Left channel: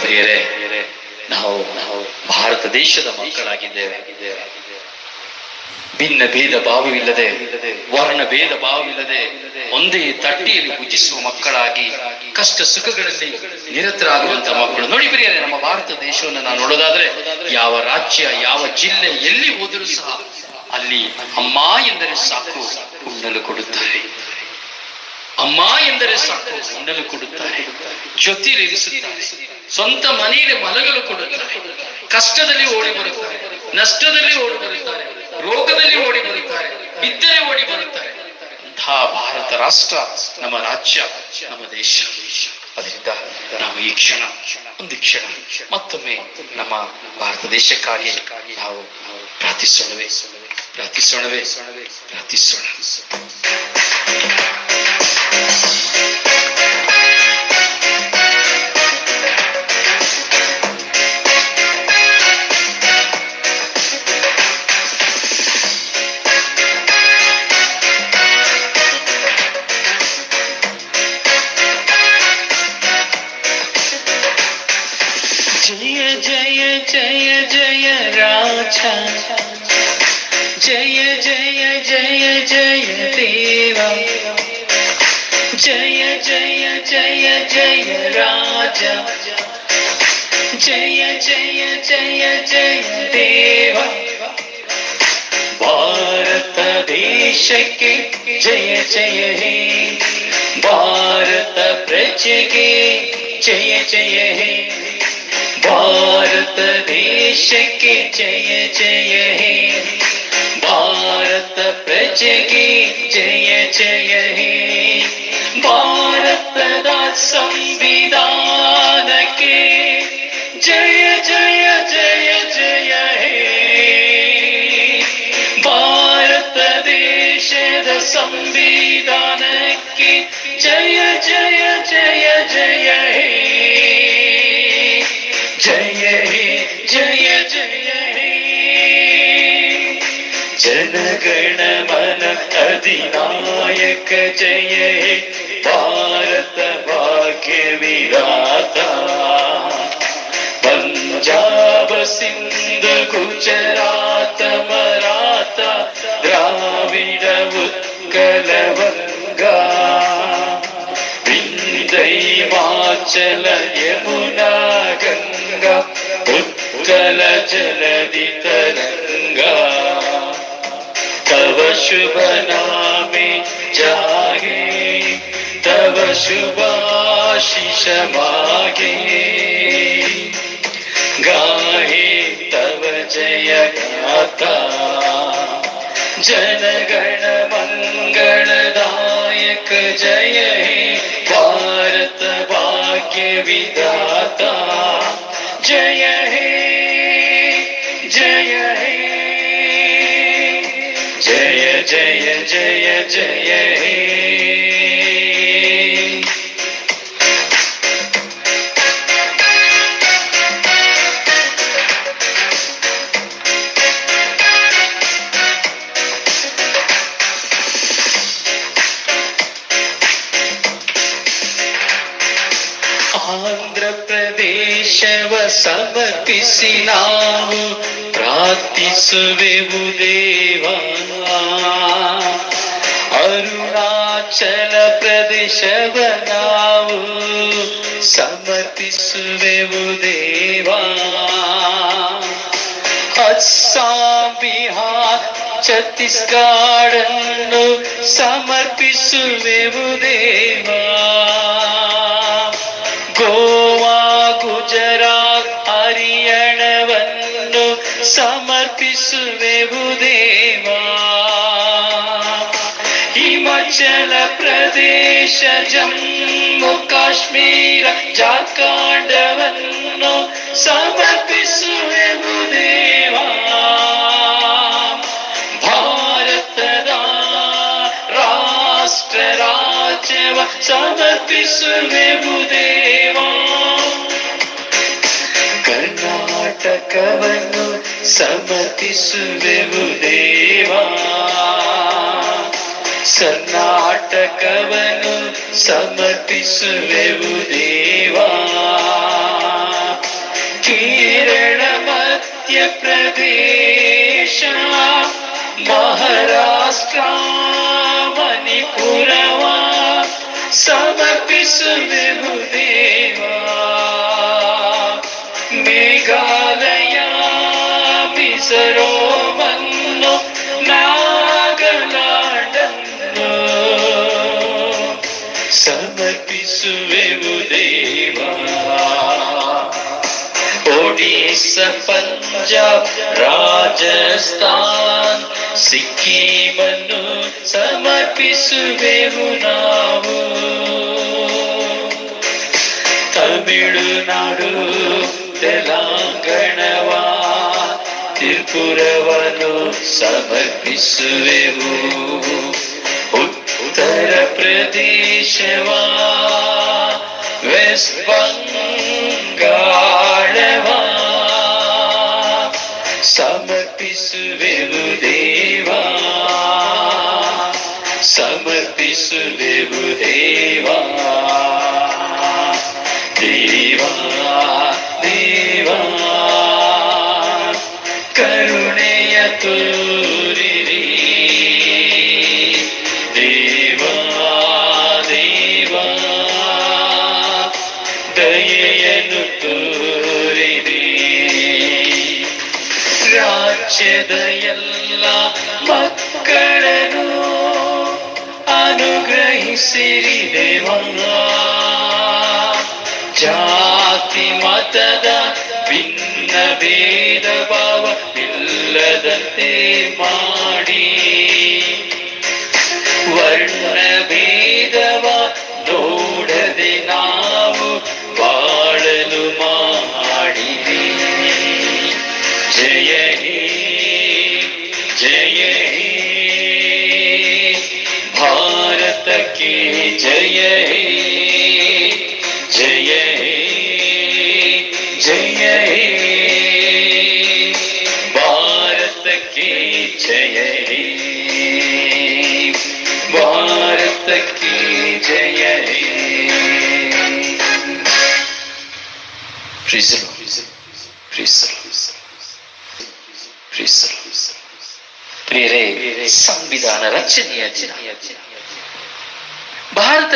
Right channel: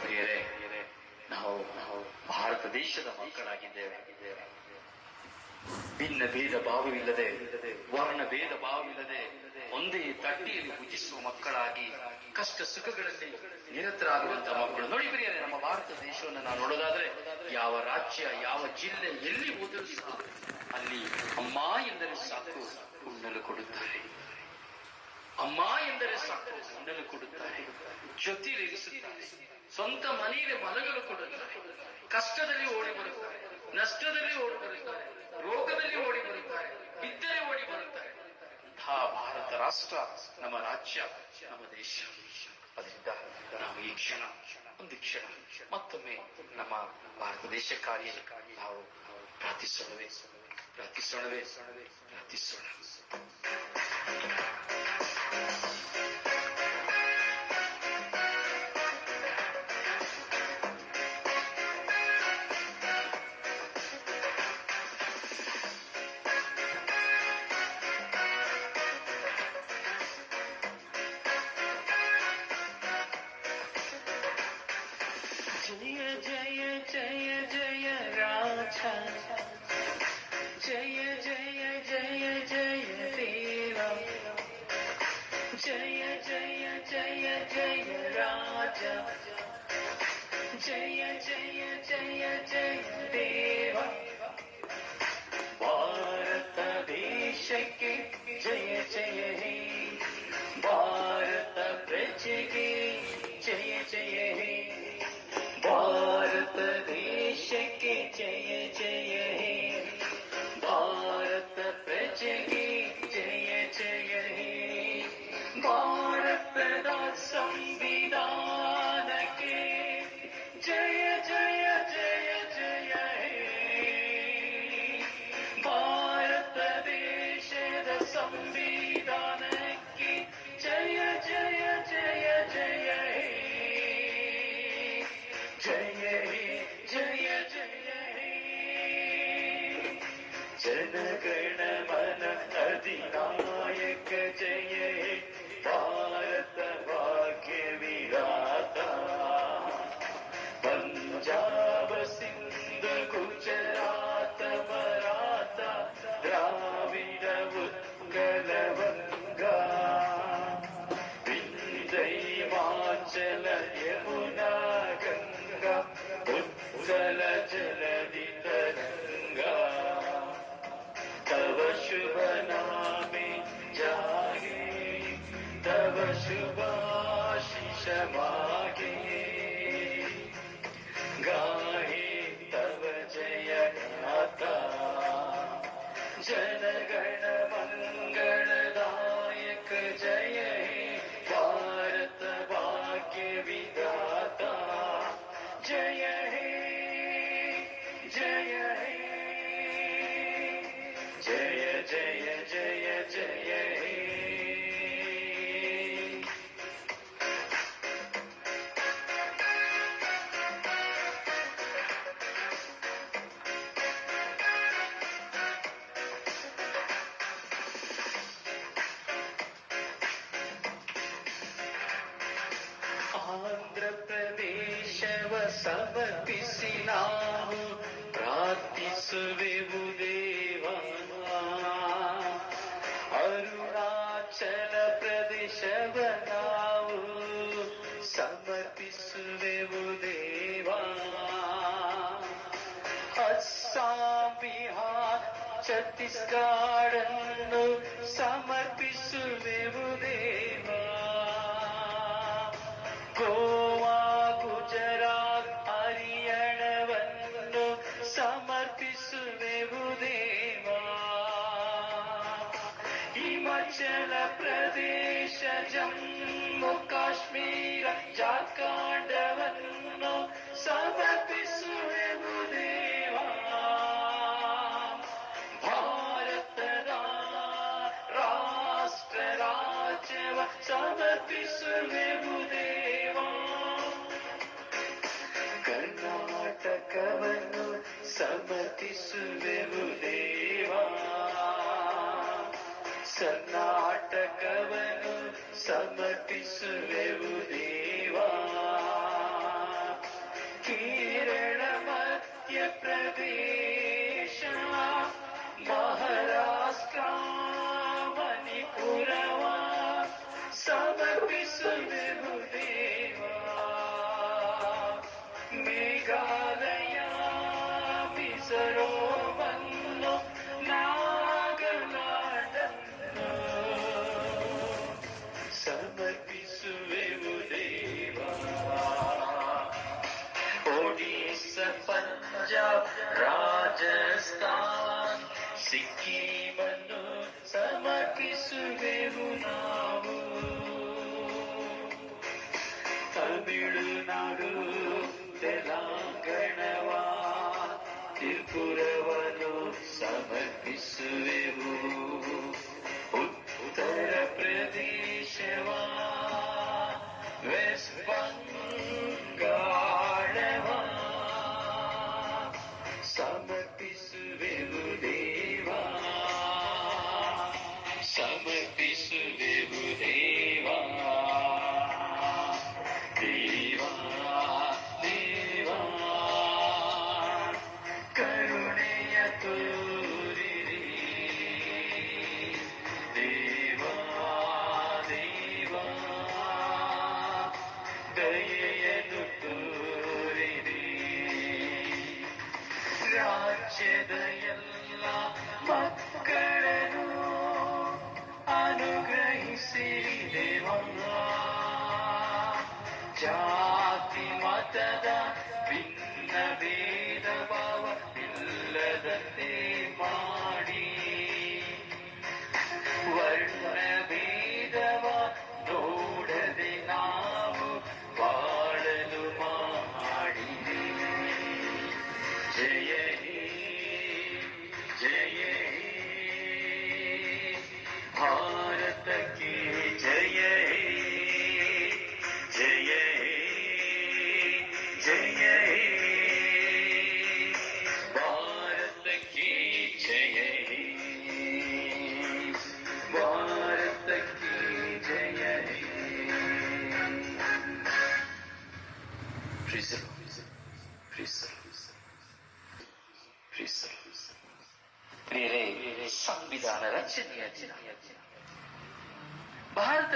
ಪ್ರಿಯರೇ ನಾವು ಭಾರತ ದೇಶದ ಮಕ್ಕಳಾಗಿದ್ದೇವೆ. ಭಿನ್ನ ಭೇದ ಭಾವವಿಲ್ಲದೆ, ವರ್ಣ ಭೇದ ಭಾವವಿಲ್ಲದೆ, ಒಂದೇ ತಟ್ಟಿಯಲ್ಲಿ ಪೂಜಿಸುವ ಮಕ್ಕಳಾಗಿ ಕಷ್ಟ ಸುಖಗಳಲ್ಲಿ ನಿರತರಾಗುವಂತಹ ಮಕ್ಕಳು. ನೋಡಿ ಪ್ರಿಯರೇ, ನಮ್ಮ ಭಾರತ ದೇಶವನ್ನು ನಾವು ನೋಡೋದಾದ್ರೆ ಯಾವ ರಾಜ್ಯ, ಯಾವ ಜಿಲ್ಲೆ ಎಲ್ಲಿ ಹೋದರೂ ಸಹ ಅಲ್ಲಿ ಅಮ್ಮ ಎಂದರೆ ಸಾಕು ಉಣ್ಣಲು ಕೊಡುತ್ತಾರೆ. ಅಮ್ಮ ಎಂದರೆ ಸಾಕು ಉಣ್ಣಲು ಕೊಡುತ್ತಾರೆ. ಜೊತೆಯಲ್ಲಿ ಇರಿಸುತ್ತಾರೆ ಸ್ವಂತ ಮನೆಯಲ್ಲಿ ಮಲಗಲು ಕೊಡುತ್ತಾರೆ. ಕಷ್ಟದಲ್ಲಿ ಓಡಿ ಬರುತ್ತಾರೆ. ನಷ್ಟದಲ್ಲಿ ಓಡಿ ಬರುತ್ತಾರೆ. ರೋಗದಲ್ಲಿ ಓಡಿ ಬರುತ್ತಾರೆ. ಬಿದ್ದರೆ ಓಡಿ ಬರುತ್ತಾರೆ. ಅಂತಹ ಭಾರತ ರಾಷ್ಟ್ರ, ನಮ್ಮ ರಾಜ್ಯ, ನಮ್ಮ ದೇಶ. ಅದರಿಂದ ನಾವು ಈ ಕ್ಷಣ, ಒಂದು ಕ್ಷಣ, ಮತ್ತೊಮ್ಮೆ ನಮ್ಮ ಭಾರತ ದೇಶ ದೇಶಕ್ಕಾಗಿ ನಾವು ಪ್ರಾರ್ಥಿಸೋಣವೇ ಪ್ರಾರ್ಥಿಸೋಣವೇ, ಪ್ರಾರ್ಥಿಸೋಣ. जय जय जय जय देवा। जय जय जय जय राजा। जय जय जय जय देवा। भारत देश के जय जय हे। भारत प्रज के जय जय हे। भारत देश के जय जय संविधान के जय जय जय जय हे। भारत देश संविधान के जय जय जय जय हे। जय हे, जय जय हे। जनगण मन अधिनायक जय हे। भारत സിന്ധു ഗുജറാത്ത മറാത്ത ദ്രാവിഡ ഉത്കലവംഗ വിന്ദൈവാചല യമുന ഗംഗ ഉത്കല ജലതി തരംഗ തവ ശുഭനാമി ജാഗേ തവ ശുഭാശിഷമാകേ God. जय गाथा जनगण मङ्गलदायक जय हे भारत भाग्य विधाता। जय हे जय हे, जय जय जय जय हे। ಪ್ರದೇಶವ ಸಮರ್ಪಿಸಿ ನಾವು ಪ್ರಾರ್ಥಿಸುವೆವು ದೇವ ಅರುಣಾಚಲ ಪ್ರದೇಶವ ನಾವು ಸಮರ್ಪಿಸುವೆವು ದೇವ ಅಸ್ಸಾಂ ಬಿಹಾರ್ ಛತ್ತೀಸ್ಗಢನ್ನು ಸಮರ್ಪಿಸುವೆವು ದೇವ ಹರಿಯಾಣವನ್ನು ಸಮರ್ಪಿಸುವೆವು ದೇವ ಹಿಮಾಚಲ ಪ್ರದೇಶ ಜಮ್ಮು ಕಾಶ್ಮೀರ ಜಾರ್ಖಂಡವನ್ನು ಸಮರ್ಪಿಸುವೆವು ದೇವ ಭಾರತದ ರಾಷ್ಟ್ರ ರಾಜ್ಯವ ಸಮರ್ಪಿಸುವೆವು ದೇವ ಕರ್ನಾಟಕವನ್ನು ಸಮರ್ಪಿಸುವೆವು ದೇವಾ ಸನ್ನಾಟಕವನು ಸಮರ್ಪಿಸುವೆವು ದೇವಾ ಕೇರಳ ಮಧ್ಯಪ್ರದೇಶ ಮಹಾರಾಷ್ಟ್ರ ಮಣಿಪುರವ ಸಮರ್ಪಿಸುವೆವು ದೇವಾ ಮಿಸರೋವನ್ನು ನಾಗಲಾಂಡನ್ನು ಸಮರ್ಪಿಸುವೆವು ದೇವಾ. ಒಡಿಸ್ಸಾ ಪಂಜಾಬ್ ರಾಜಸ್ಥಾನ್ ಸಿಕ್ಕಿಮನ್ನು ಸಮರ್ಪಿಸುವೆವು ನಾವು. ತಮಿಳುನಾಡು ತೆಲಂಗಾಣವ. त्रिपुरवनु समर्पिसुवेवु उत्तरप्रदेशवा वेस्ट बङ्गाळवा समर्पिसुवेवु देवा देवा। ದಯೆಯನ್ನು ತೋರಿರಿ ರಾಜ್ಯದ ಎಲ್ಲ ಮಕ್ಕಳನ್ನು ಅನುಗ್ರಹಿಸಿರಿ ದೇವನ್ನ ಜಾತಿ ಮತದ ಭಿನ್ನ ಭೇದ ಭಾವ ಇಲ್ಲದಂತೆ ಮಾಡಿ. Praise the Lord. Praise the Lord. Praise the Lord. ಪ್ರಿಯರೇ ಸಂವಿಧಾನ ರಚನೆಯ ದಿನ ಭಾರತ